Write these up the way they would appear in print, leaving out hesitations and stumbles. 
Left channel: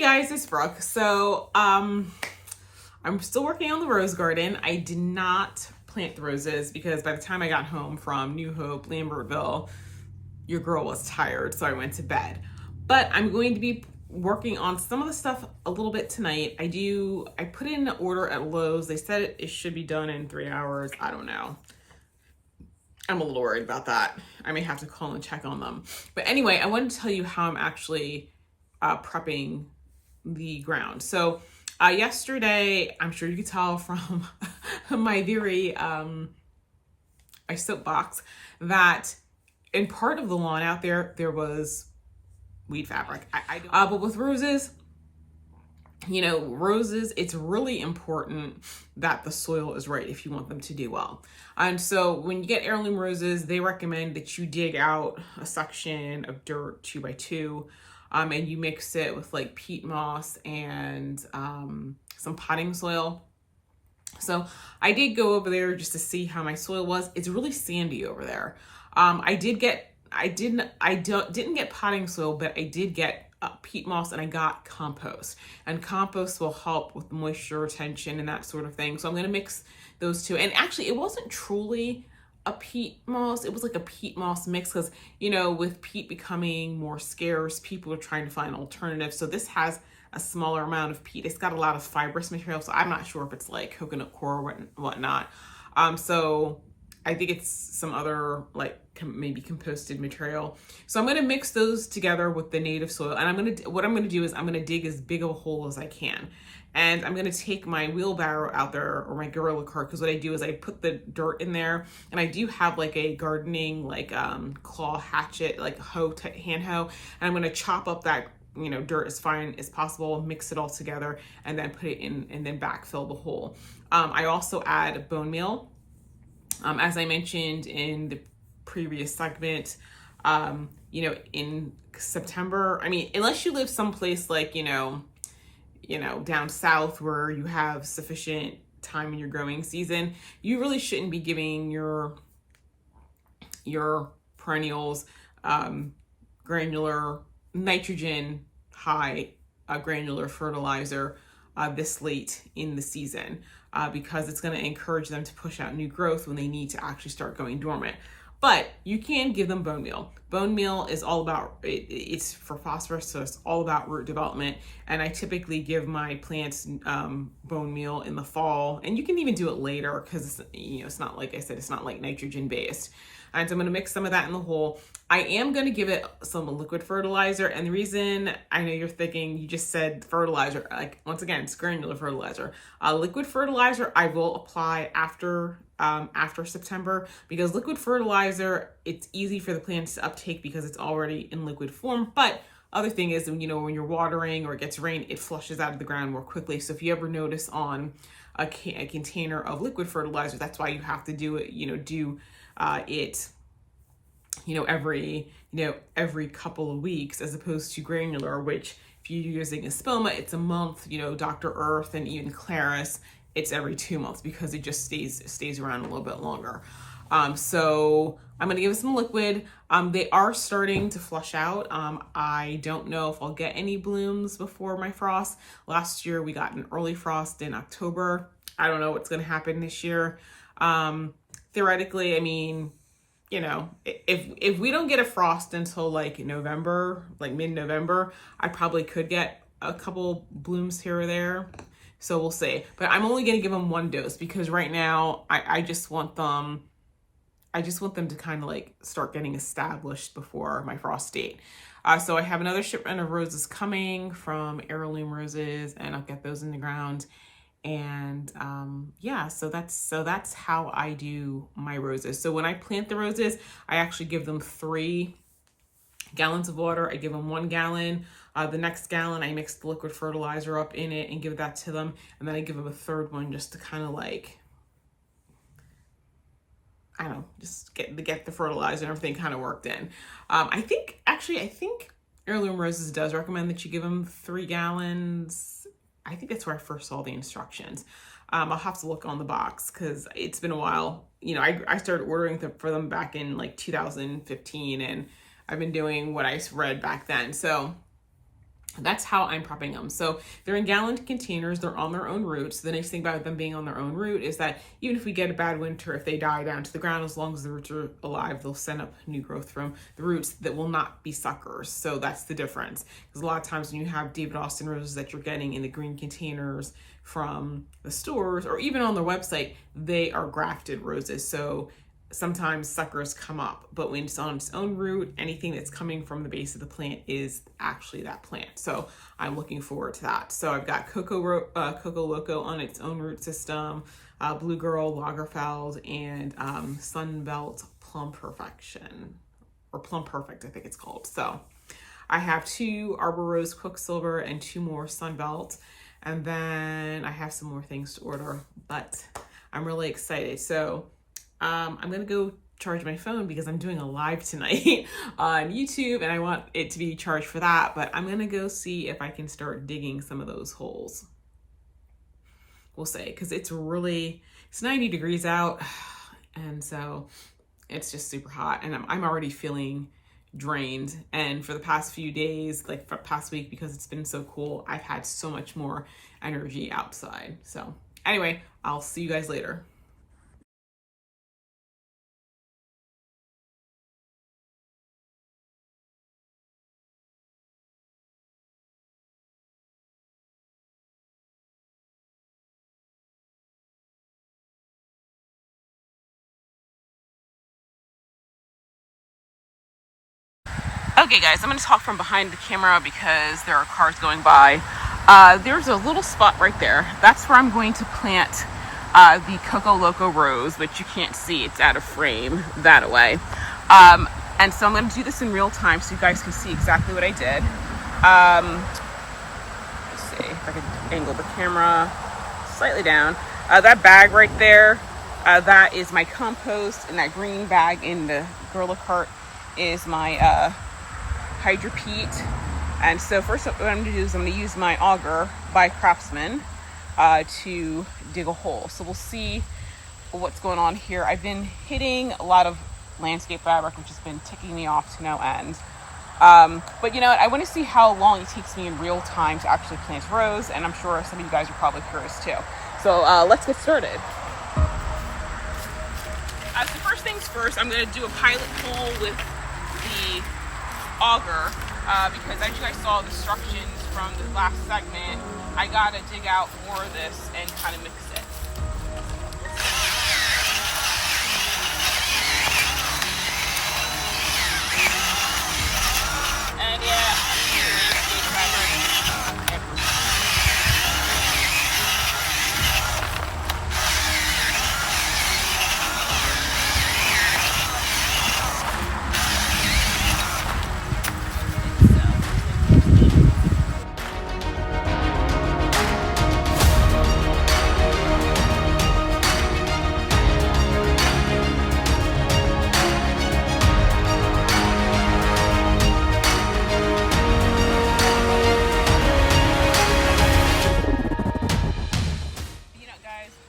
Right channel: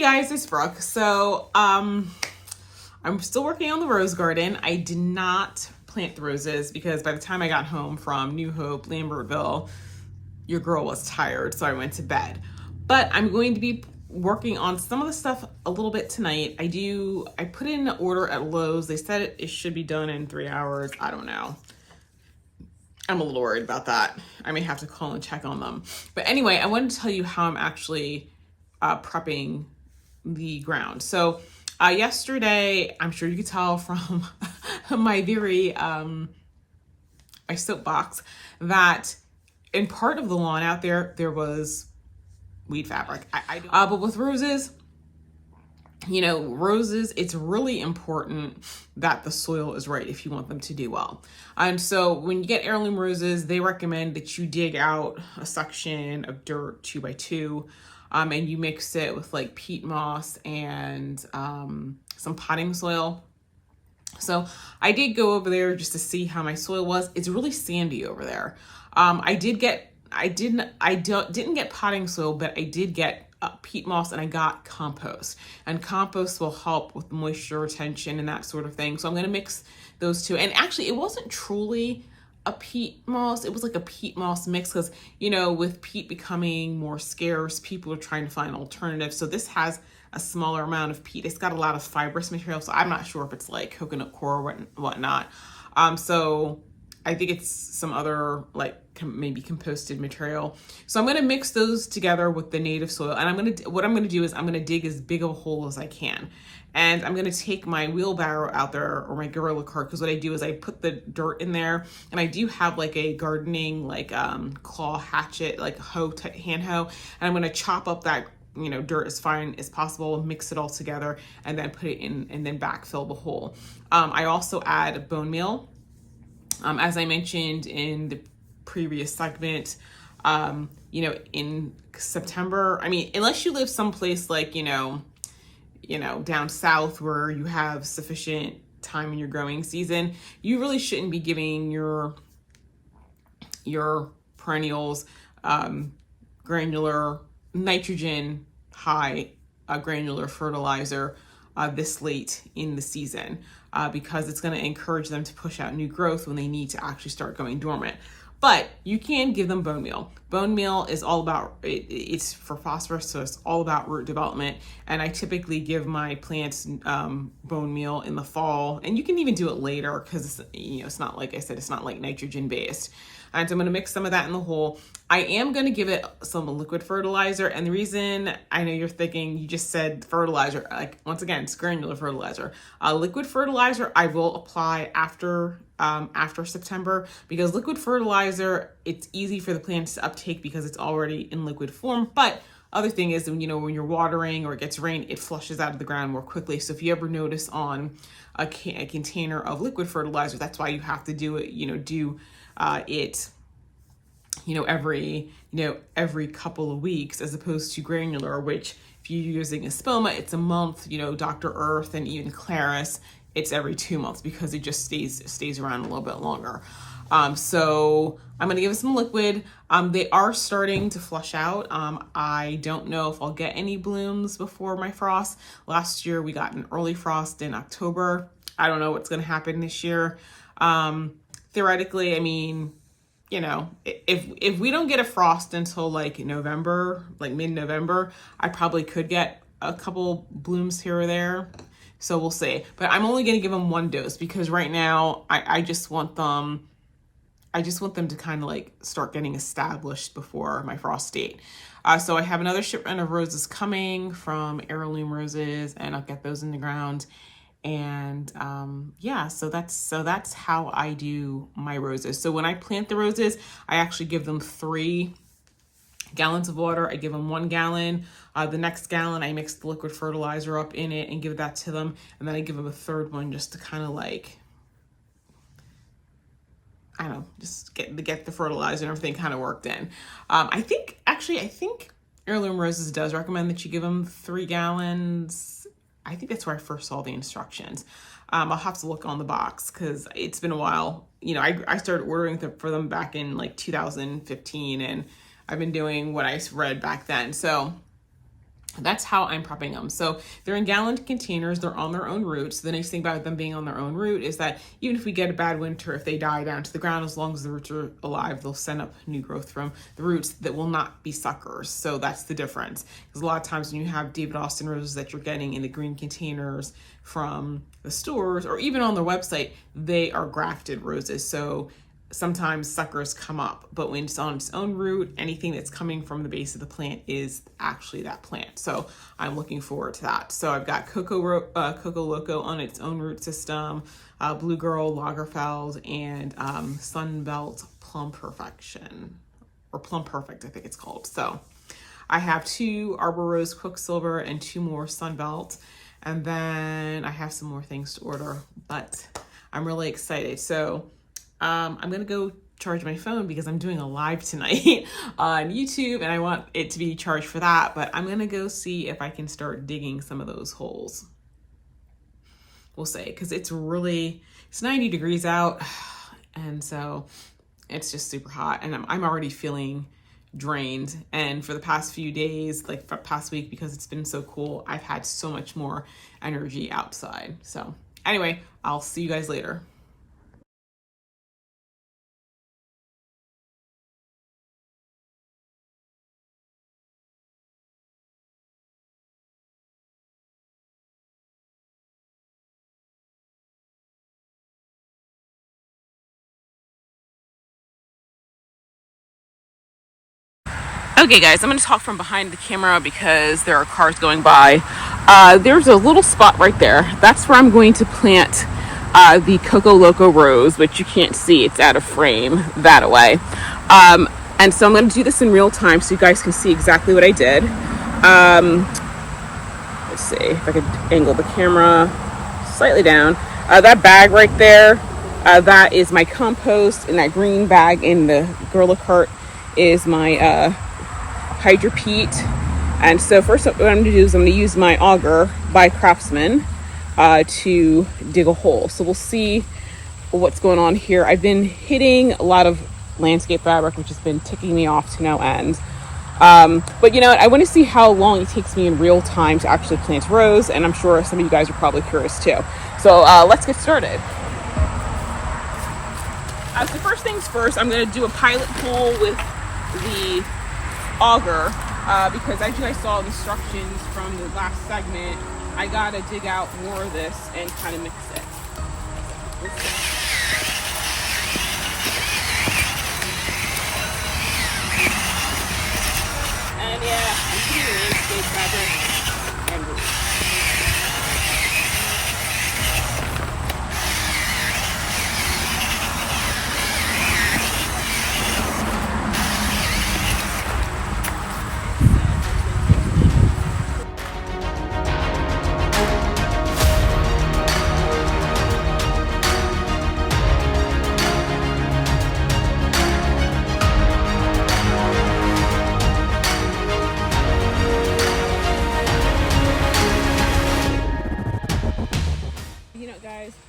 Hey guys, it's Brooke. I'm still working on the rose garden. I did not plant the roses because by the time I got home from New Hope, Lambertville, your girl was tired, so I went to bed. But I'm going to be working on some of the stuff a little bit tonight. I put in an order at Lowe's. They said it should be done in 3 hours. I don't know. I'm a little worried about that. I may have to call and check on them. But anyway, I wanted to tell you how I'm actually prepping the ground. So yesterday, I'm sure you could tell from my very my soapbox that in part of the lawn out there was weed fabric. But with roses, roses, it's really important that the soil is right if you want them to do well. And so when you get heirloom roses, they recommend that you dig out a section of dirt 2x2, and you mix it with like peat moss and some potting soil. So I did go over there just to see how my soil was. It's really sandy over there. I didn't get potting soil, but I did get peat moss and I got compost. And compost will help with moisture retention and that sort of thing. So I'm going to mix those two. And actually, it wasn't truly a peat moss. It was like a peat moss mix because, with peat becoming more scarce, people are trying to find alternatives. So this has a smaller amount of peat. It's got a lot of fibrous material. So I'm not sure if it's like coconut coir or whatnot. So I think it's some other maybe composted material. So I'm going to mix those together with the native soil. And what I'm going to do is I'm going to dig as big of a hole as I can. And I'm going to take my wheelbarrow out there or my Gorilla cart, because what I do is I put the dirt in there, and I do have like a gardening claw hatchet, like a hand hoe, and I'm going to chop up that dirt as fine as possible, mix it all together, and then put it in and then backfill the hole. I also add bone meal. As I mentioned in the previous segment, in September, unless you live someplace like, down south where you have sufficient time in your growing season, you really shouldn't be giving your perennials granular nitrogen high granular fertilizer this late in the season, because it's going to encourage them to push out new growth when they need to actually start going dormant. But you can give them bone meal. Bone meal is all about, it's for phosphorus, so it's all about root development. And I typically give my plants bone meal in the fall. And you can even do it later because, it's not, like I said, it's not like nitrogen based. And so I'm going to mix some of that in the hole. I am going to give it some liquid fertilizer. And the reason, I know you're thinking, you just said fertilizer, once again, it's granular fertilizer. Liquid fertilizer I will apply after September, because liquid fertilizer, it's easy for the plants to uptake because it's already in liquid form. But other thing is, when you're watering or it gets rain, it flushes out of the ground more quickly. So if you ever notice on a container of liquid fertilizer, that's why you have to do it, every couple of weeks, as opposed to granular, which if you're using Espoma, it's a month. Dr. Earth and even Claris, it's every 2 months because it just stays around a little bit longer. So I'm going to give it some liquid. They are starting to flush out. I don't know if I'll get any blooms before my frost. Last year we got an early frost in October. I don't know what's going to happen this year. Theoretically, if we don't get a frost until November, mid-November, I probably could get a couple blooms here or there. So we'll see. But I'm only going to give them 1 dose because right now I just want them to kind of start getting established before my frost date. So I have another shipment of roses coming from Heirloom Roses, and I'll get those in the ground. And so that's how I do my roses. So when I plant the roses, I actually give them 3 gallons of water. I give them 1 gallon. The next gallon, I mix the liquid fertilizer up in it and give that to them. And then I give them a 3rd one just to kind of just get the fertilizer and everything kind of worked in. I think Heirloom Roses does recommend that you give them 3 gallons. I think that's where I first saw the instructions. I'll have to look on the box because it's been a while. I started ordering for them back in 2015, and I've been doing what I read back then. So That's how I'm prepping them. So they're in gallon containers. They're on their own roots. The nice thing about them being on their own root is that even if we get a bad winter, if they die down to the ground, as long as the roots are alive, they'll send up new growth from the roots that will not be suckers. So that's the difference. Because a lot of times when you have David Austin roses that you're getting in the green containers from the stores or even on their website, they are grafted roses. So sometimes suckers come up, but when it's on its own root, anything that's coming from the base of the plant is actually that plant. So I'm looking forward to that. So I've got Coco Loco on its own root system, Blue Girl, Lagerfeld, and Sunbelt Plum Perfection, or Plum Perfect, I think it's called. So I have 2 Arbor Rose Quicksilver and 2 more Sunbelt, and then I have some more things to order, but I'm really excited. So I'm gonna go charge my phone because I'm doing a live tonight on YouTube and I want it to be charged for that, but I'm gonna go see if I can start digging some of those holes. We'll see, because it's 90 degrees out, and so it's just super hot, and I'm already feeling drained. And for the past few days, like for past week, because it's been so cool, I've had so much more energy outside. So anyway, I'll see you guys later. Okay guys, I'm gonna talk from behind the camera because there are cars going by. There's a little spot right there. That's where I'm going to plant the Coco Loco rose, which you can't see, it's out of frame that way. And so I'm gonna do this in real time so you guys can see exactly what I did. Let's see if I could angle the camera slightly down. That bag right there, that is my compost, and that green bag in the Gorilla cart is my Hydro Peat. And so first what I'm gonna do is I'm gonna use my auger by Craftsman to dig a hole. So we'll see what's going on here. I've been hitting a lot of landscape fabric, which has been ticking me off to no end. But you know what, I want to see how long it takes me in real time to actually plant rose, and I'm sure some of you guys are probably curious too. So let's get started. So first things first, I'm going to do a pilot hole with the auger because as you guys saw instructions from the last segment, I gotta dig out more of this and kind of mix it. And yeah, here is the fabric.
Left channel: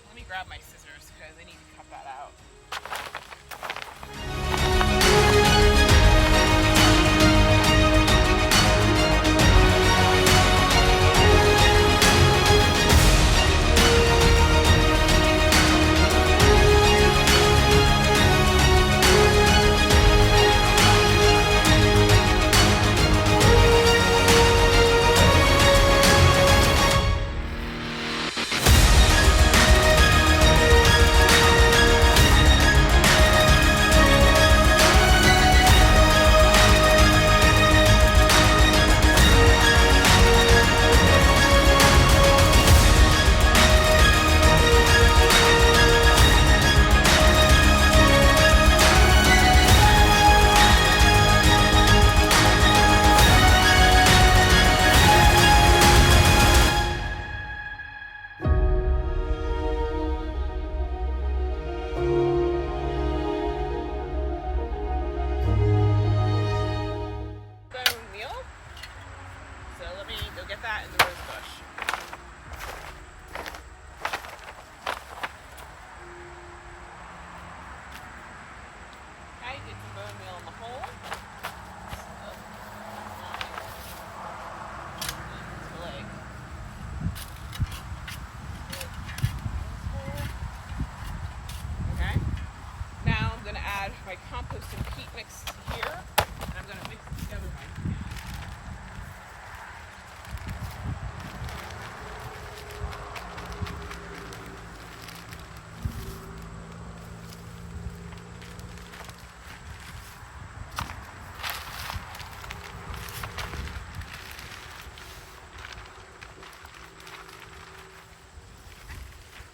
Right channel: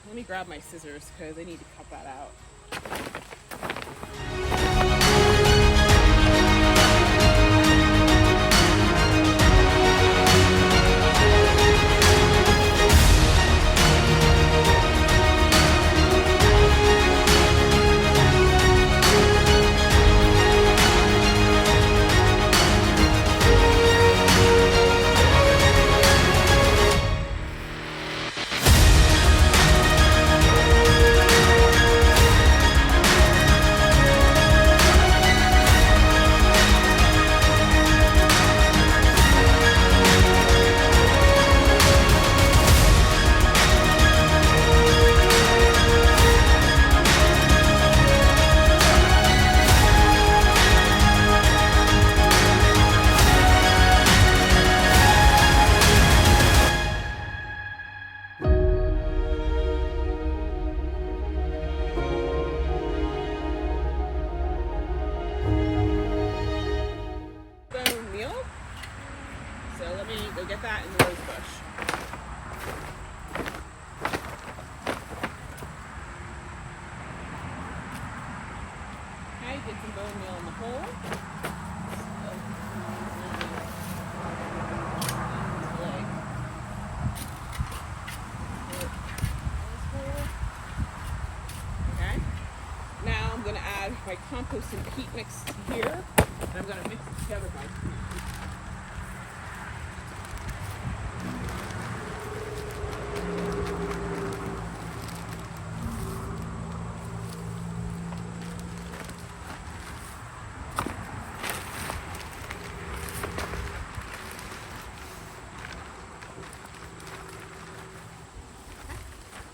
Let me grab my scissors because I need to cut that out. compost and peat mix here, and I'm going to mix it together by hand.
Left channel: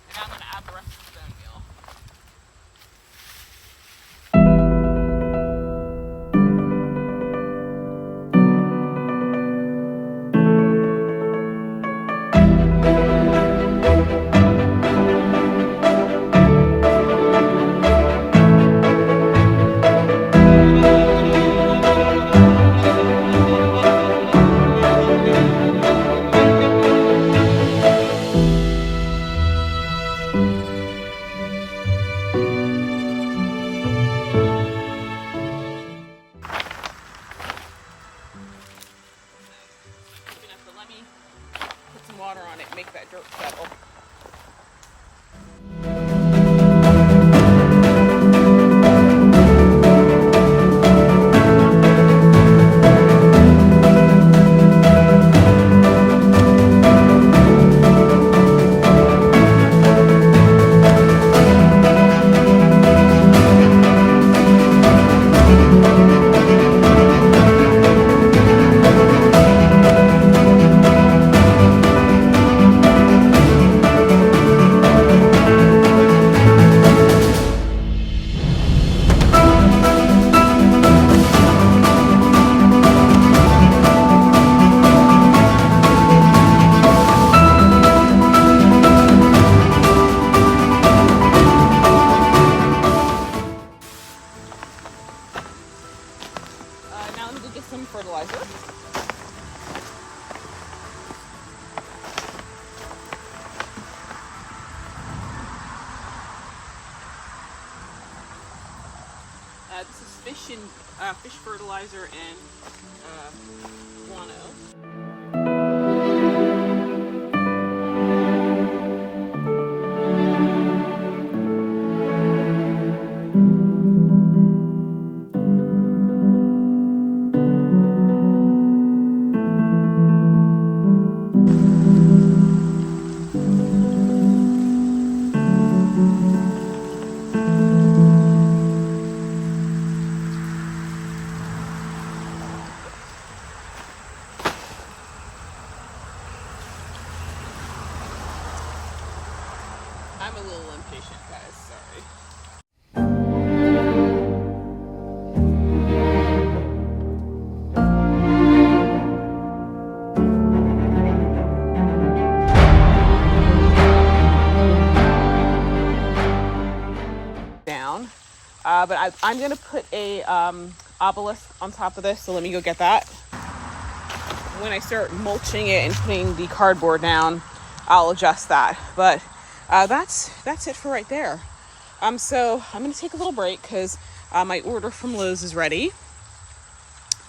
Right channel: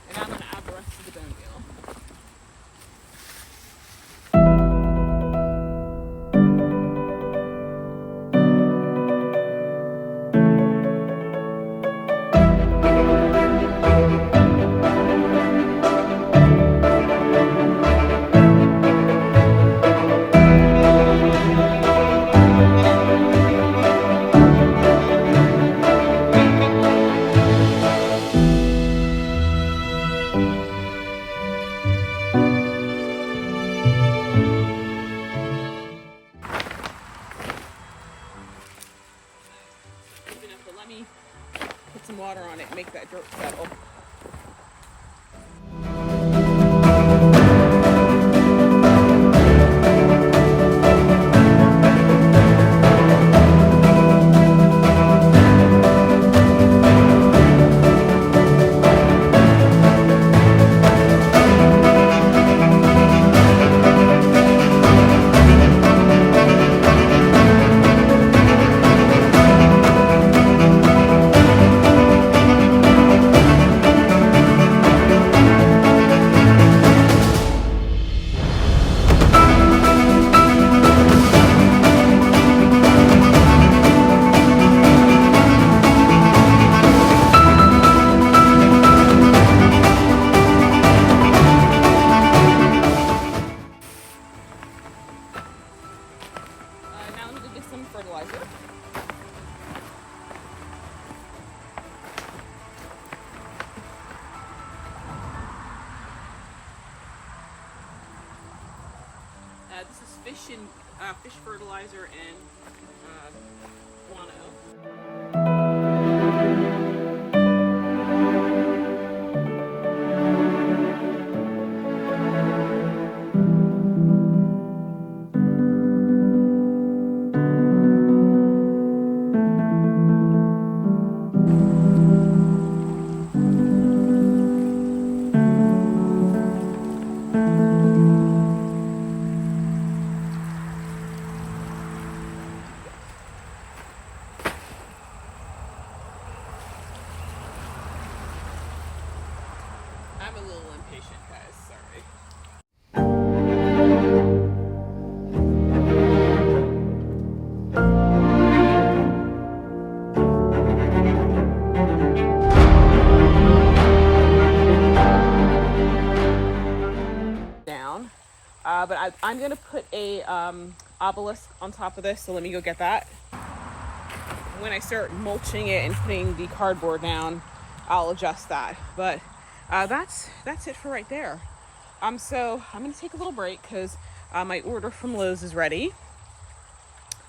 And I'm going to add the rest of the bone meal. Let me put some water on it, make that dirt settle. Now I'm going to get some fertilizer. This is fish fertilizer and guano. I'm a little impatient, guys, sorry. Down, but I'm gonna put a obelisk on top of this, so let me go get that. When I start mulching it and putting the cardboard down, I'll adjust that, but that's it for right there. So I'm gonna take a little break because my order from Lowe's is ready,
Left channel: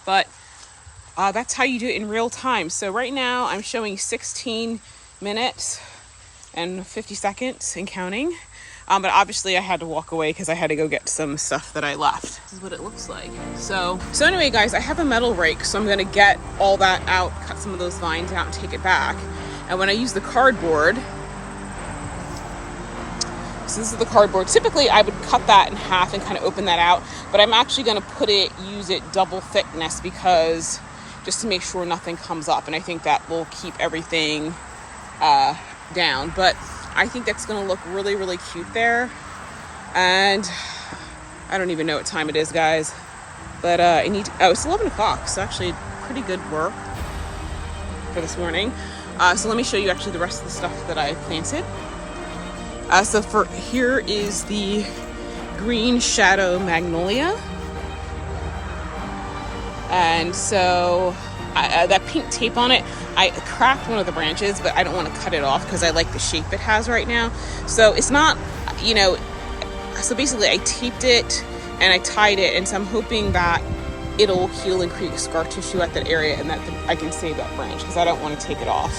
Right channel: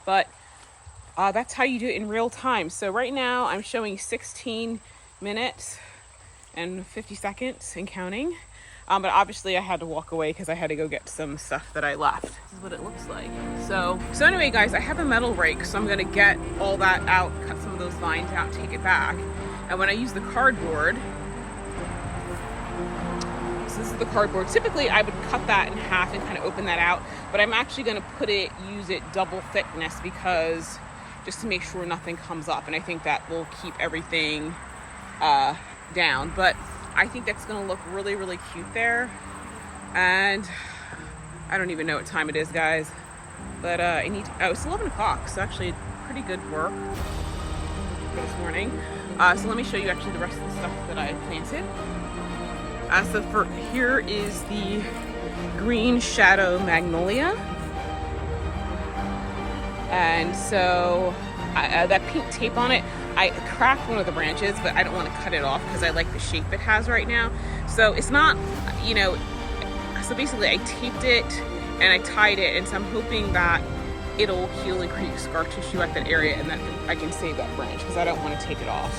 but that's how you do it in real time. So right now I'm showing 16 minutes and 50 seconds and counting, but obviously I had to walk away because I had to go get some stuff that I left. This is what it looks like. So anyway, guys, I have a metal rake, so I'm gonna get all that out, cut some of those vines out and take it back. And when I use the cardboard, so this is the cardboard. Typically, I would cut that in half and kind of open that out, but I'm actually going to use it double thickness because just to make sure nothing comes up, and I think that will keep everything down. But I think that's going to look really, really cute there. And I don't even know what time it is, guys, but it's 11 o'clock, so actually pretty good work for this morning. So let me show you actually the rest of the stuff that I planted. So here is the green shadow magnolia. And so that pink tape on it, I cracked one of the branches, but I don't want to cut it off because I like the shape it has right now. So it's not, so basically I taped it and I tied it, and so I'm hoping that it'll heal and create scar tissue at that area and that I can save that branch because I don't want to take it off.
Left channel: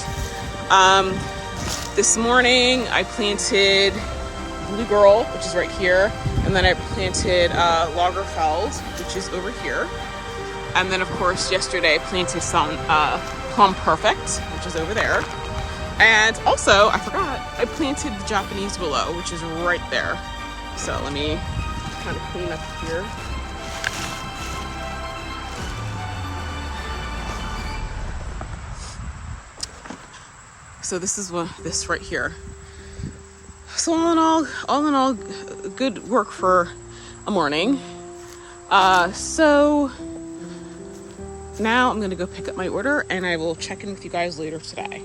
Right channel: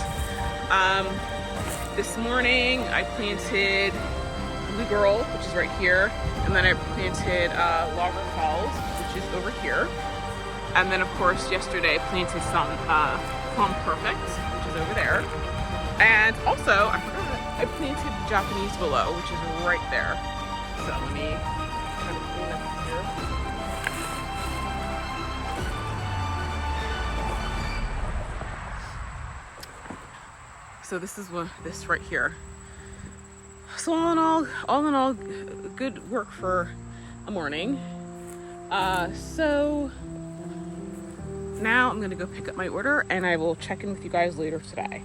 This morning I planted Blue Girl, which is right here. And then I planted Lagerfeld, which is over here. And then, of course, yesterday I planted some Plum Perfect, which is over there. And also, I forgot, I planted the Japanese Willow, which is right there. So let me kind of clean up here. So this is this right here. So all in all, good work for a morning. So now I'm gonna go pick up my order and I will check in with you guys later today.